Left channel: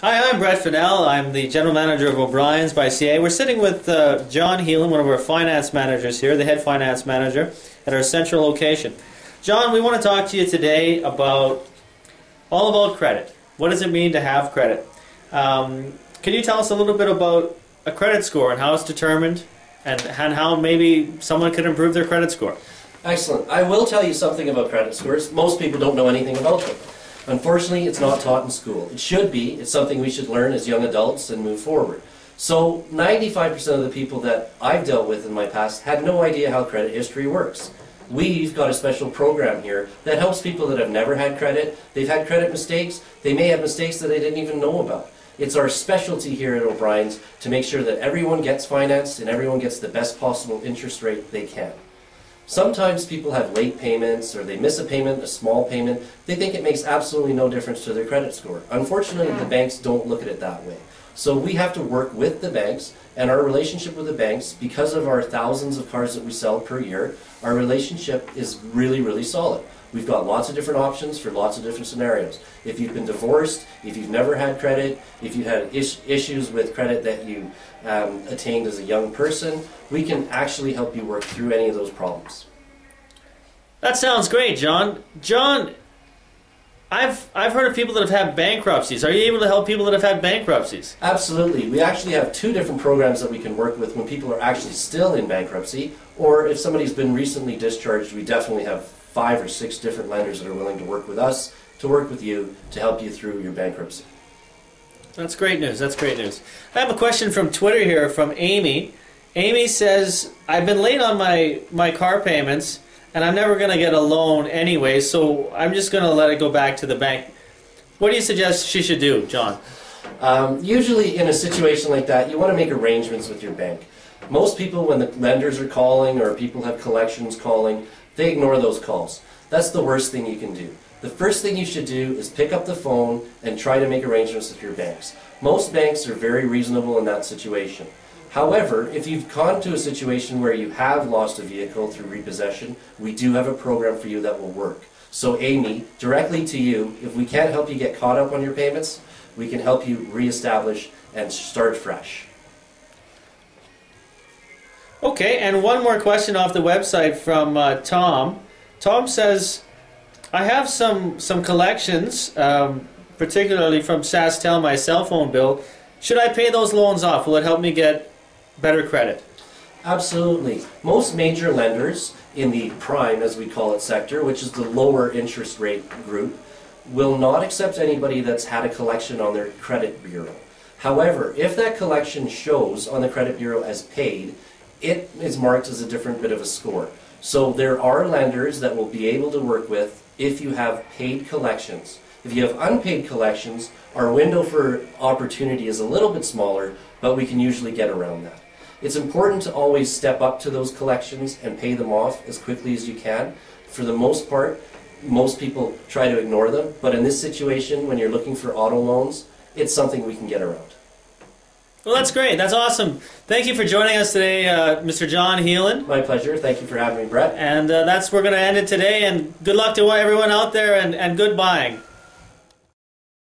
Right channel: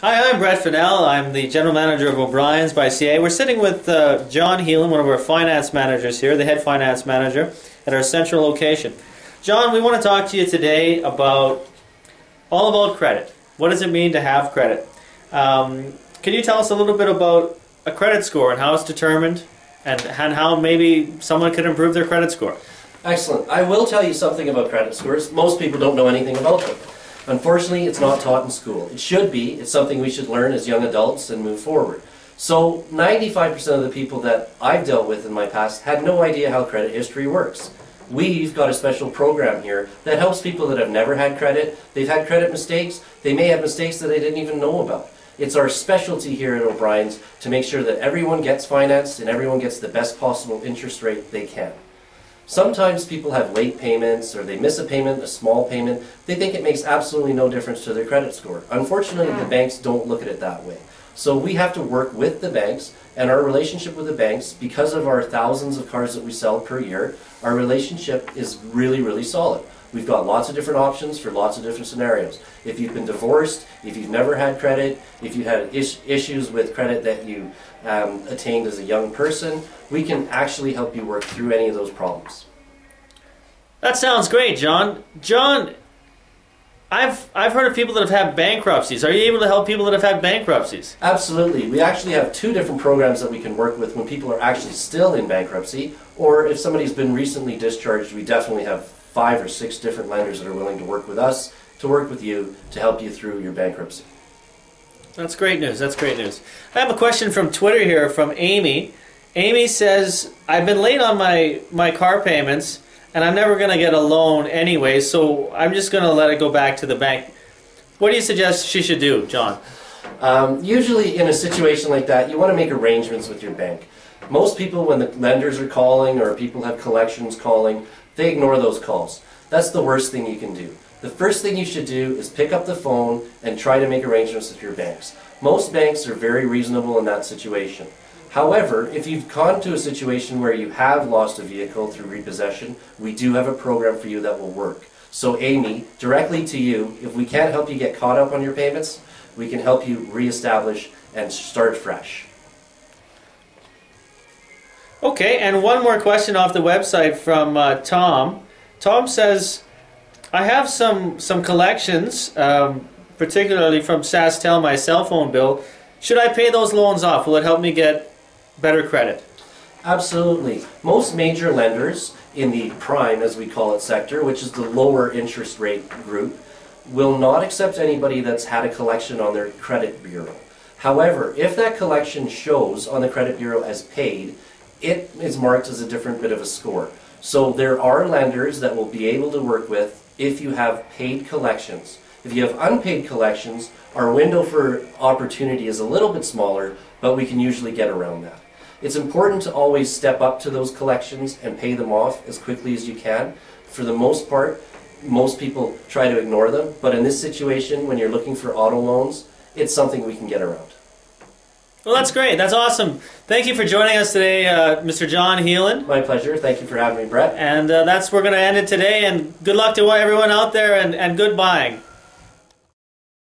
Hi, I'm Brett Fennell. I'm the General Manager of O'Brien's by CAA. We're sitting with John Heelan, one of our finance managers here, the head finance manager at our central location. John, we want to talk to you today all about credit. What does it mean to have credit? Can you tell us a little bit about a credit score and how it's determined and how maybe someone could improve their credit score? Excellent. I will tell you something about credit scores. Most people don't know anything about them. Unfortunately, it's not taught in school. It should be. It's something we should learn as young adults and move forward. So 95% of the people that I've dealt with in my past had no idea how credit history works. We've got a special program here that helps people that have never had credit. They've had credit mistakes. They may have mistakes that they didn't even know about. It's our specialty here at O'Brien's to make sure that everyone gets financed and everyone gets the best possible interest rate they can. Sometimes people have late payments or they miss a payment, a small payment. They think it makes absolutely no difference to their credit score. Unfortunately, the banks don't look at it that way. So we have to work with the banks, and our relationship with the banks, because of our thousands of cars that we sell per year, our relationship is really, really solid. We've got lots of different options for lots of different scenarios. If you've been divorced, if you've never had credit, if you had issues with credit that you attained as a young person, we can actually help you work through any of those problems. That sounds great, John. John, I've heard of people that have had bankruptcies. Are you able to help people that have had bankruptcies? Absolutely. We actually have two different programs that we can work with when people are actually still in bankruptcy, or if somebody's been recently discharged, we definitely have 5 or 6 different lenders that are willing to work with us, to work with you, to help you through your bankruptcy. That's great news. That's great news. I have a question from Twitter here from Amy. Amy says, I've been late on my car payments, and I'm never going to get a loan anyway, so I'm just going to let it go back to the bank. What do you suggest she should do, John? Usually in a situation like that, you want to make arrangements with your bank. Most people, when the lenders are calling or people have collections calling, they ignore those calls. That's the worst thing you can do. The first thing you should do is pick up the phone and try to make arrangements with your banks. Most banks are very reasonable in that situation. However, if you've gone to a situation where you have lost a vehicle through repossession, we do have a program for you that will work. So Amy, directly to you, if we can't help you get caught up on your payments, we can help you reestablish and start fresh. Okay, and one more question off the website from Tom. Tom says, I have some collections, particularly from SaskTel, my cell phone bill. Should I pay those loans off? Will it help me get better credit? Absolutely. Most major lenders in the prime, as we call it, sector, which is the lower interest rate group, will not accept anybody that's had a collection on their credit bureau. However, if that collection shows on the credit bureau as paid, it is marked as a different bit of a score. So there are lenders that will be able to work with if you have paid collections. If you have unpaid collections, our window for opportunity is a little bit smaller, but we can usually get around that. It's important to always step up to those collections and pay them off as quickly as you can. For the most part, most people try to ignore them, but in this situation, when you're looking for auto loans, it's something we can get around. Well, that's great. That's awesome. Thank you for joining us today, Mr. John Heelan. My pleasure. Thank you for having me, Brett. And we're going to end it today. And good luck to everyone out there, and good buying.